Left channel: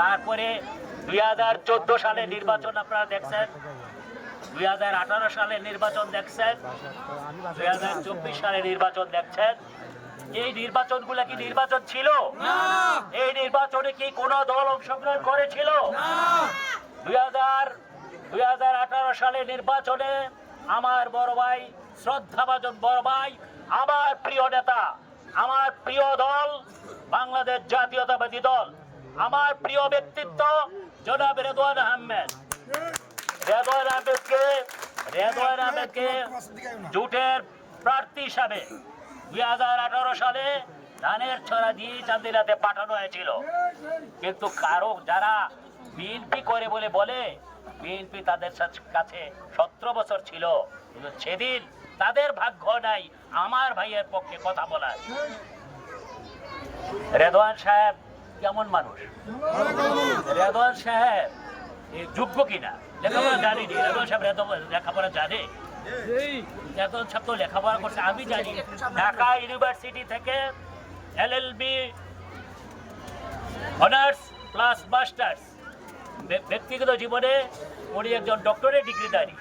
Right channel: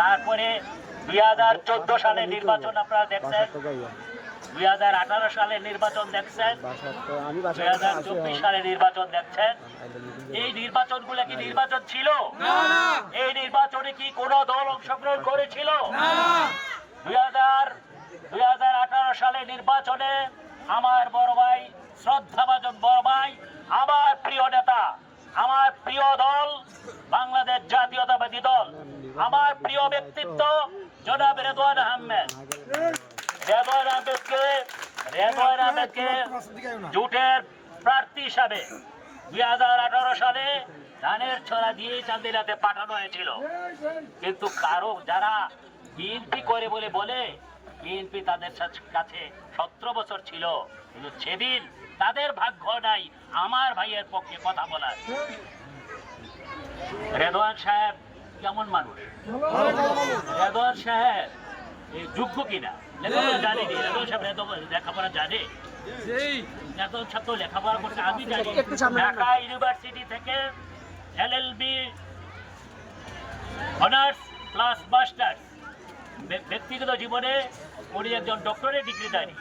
তারপরে 2014 সালে নির্বাচন আপনারা দেখছেন, 2018 সালে নির্বাচন দেখছেন, 2024 সালে নির্বাচন দেখছেন। এই নির্বাচনগুলো কি নির্বাচন ছিল? এই নির্বাচনে কি কোনো দল অংশগ্রহণ করেছিল? 2018 সালে নির্বাচনে আমার বড় ভাই, শ্রদ্ধাভাজন বড় ভাই, আমার প্রিয় নেতা, আমার প্রিয় দল বাংলাদেশ জাতীয়তাবাদী দল, আমার প্রিয় ব্যক্তিত্ব জনাব রেদওয়ান আহমেদ, রেদওয়ান আহমেদকে জোটের প্রার্থী হিসাবে 2018 সালে ধানের ছড়া দিয়ে চান্দিনাতে পাঠানো হয়েছিল। কিন্তু যারা বিএনপি করে বলে বিএনপি তাদের কাছে 17 বছর ছিল, কিন্তু সেদিন তাদের ভাগ্য নাই আমার ভাইয়ের পক্ষে কথা বলার। রেদওয়ান সাহেব কেমন মানুষ? রেদওয়ান সাহেব যোগ্য কিনা লেখাপড়া জানি নি। রেদওয়ান সাহেব লেখাপড়া জানে? রেদওয়ান সাহেব তো লেখাপড়া করছে, আমি জানি। ঢাকা ইউনিভার্সিটি থেকে LLB অনার্স প্লাস মাস্টার্স, ব্যক্তিগত জীবনে উনি একজন ডক্টরেট ডিগ্রিধারী।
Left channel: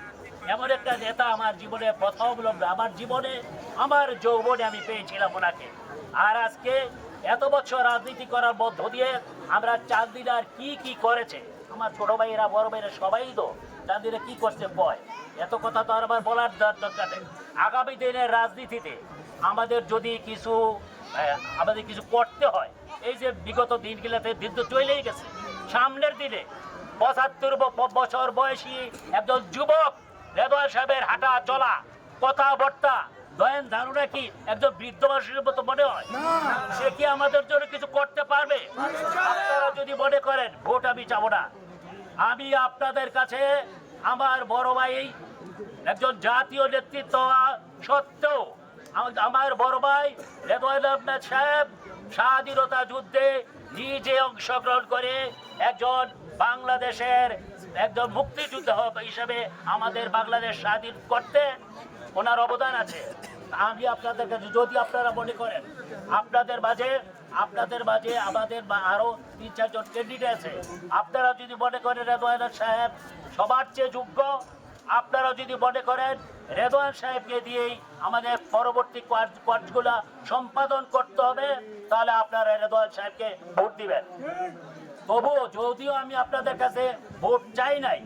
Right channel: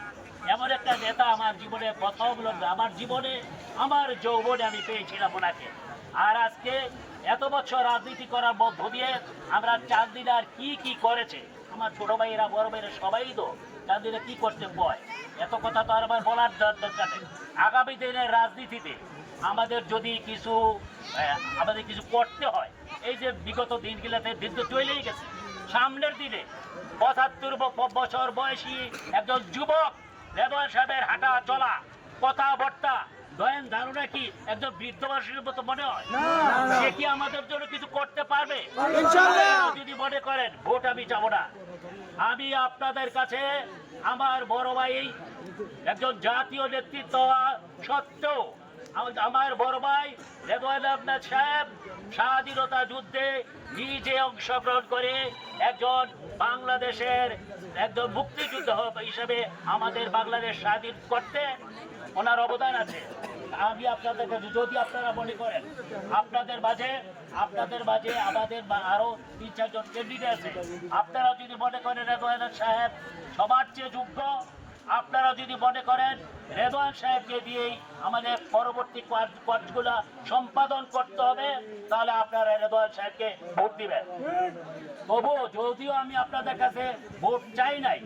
এমন একটা নেতা আমার জীবনে প্রথম লোক, আমার যৌবনে আমি পেয়েছিলাম ওনাকে। আর আজকে এত বছর রাজনীতি করার মধ্য দিয়ে আমরা চান্দিনার কি করেছে, আমার ছোট ভাইয়েরা বড় ভাইয়েরা সবাই তো চান্দিনা কি করছে বয়, এত কথা তো আর আমার বলার দরকার নেই। আগামী দিনের রাজনীতিতে আমাদের যদি কিছু করতে হয়, এই যে বিগত দিনগুলোতে বিদ্যুৎ চলেই গেছে, সামনের দিনে 75 বছর বয়সী একজন যুবক রেদওয়ান সাহেবের হাঁটা চলা কথাবার্তা দয়েন ধারণা কি একজন বৃদ্ধ মানুষের মতো মনে হয়? সে কি আমাদের জন্য কিছু করতে পারবে? আপনারা যদি মনে করেন ভোট আমি চাবো না, আমি আপনাদের কাছে আমার বড় ভাই একজন জাতীয় নেতৃত্ব সত্ত্বেও আমার বড় ভাই রেদওয়ান আহমেদ সাহেব স্বাধীনতা যুদ্ধে নিজে অংশগ্রহণ করে একজন বাংলাদেশের একজন মুক্তিযোদ্ধা হিসেবে আমাদের বাংলাদেশ স্বাধীন করতে ওনার অবদান আছে। আমি আপনাদের কাছে, যদি আপনারা মনে করেন আপনাদের মাঝে আমাদের আরো 3-4 জন ক্যান্ডিডেট আছে, আপনারা যদি মনে করেন রেদওয়ান সাহেব সবার চেয়ে যোগ্য, আপনারা যদি মনে করেন রেদওয়ান সাহেবকে দিয়েই আমাদের পরবর্তী কাজগুলো সম্পাদন করতে হবে, তাহলে আপনারা রেদওয়ান সাহেবকে ভোট দিবেন। তবুও যদিও আমি আপনাদের কাছে ভোট চাই নাই,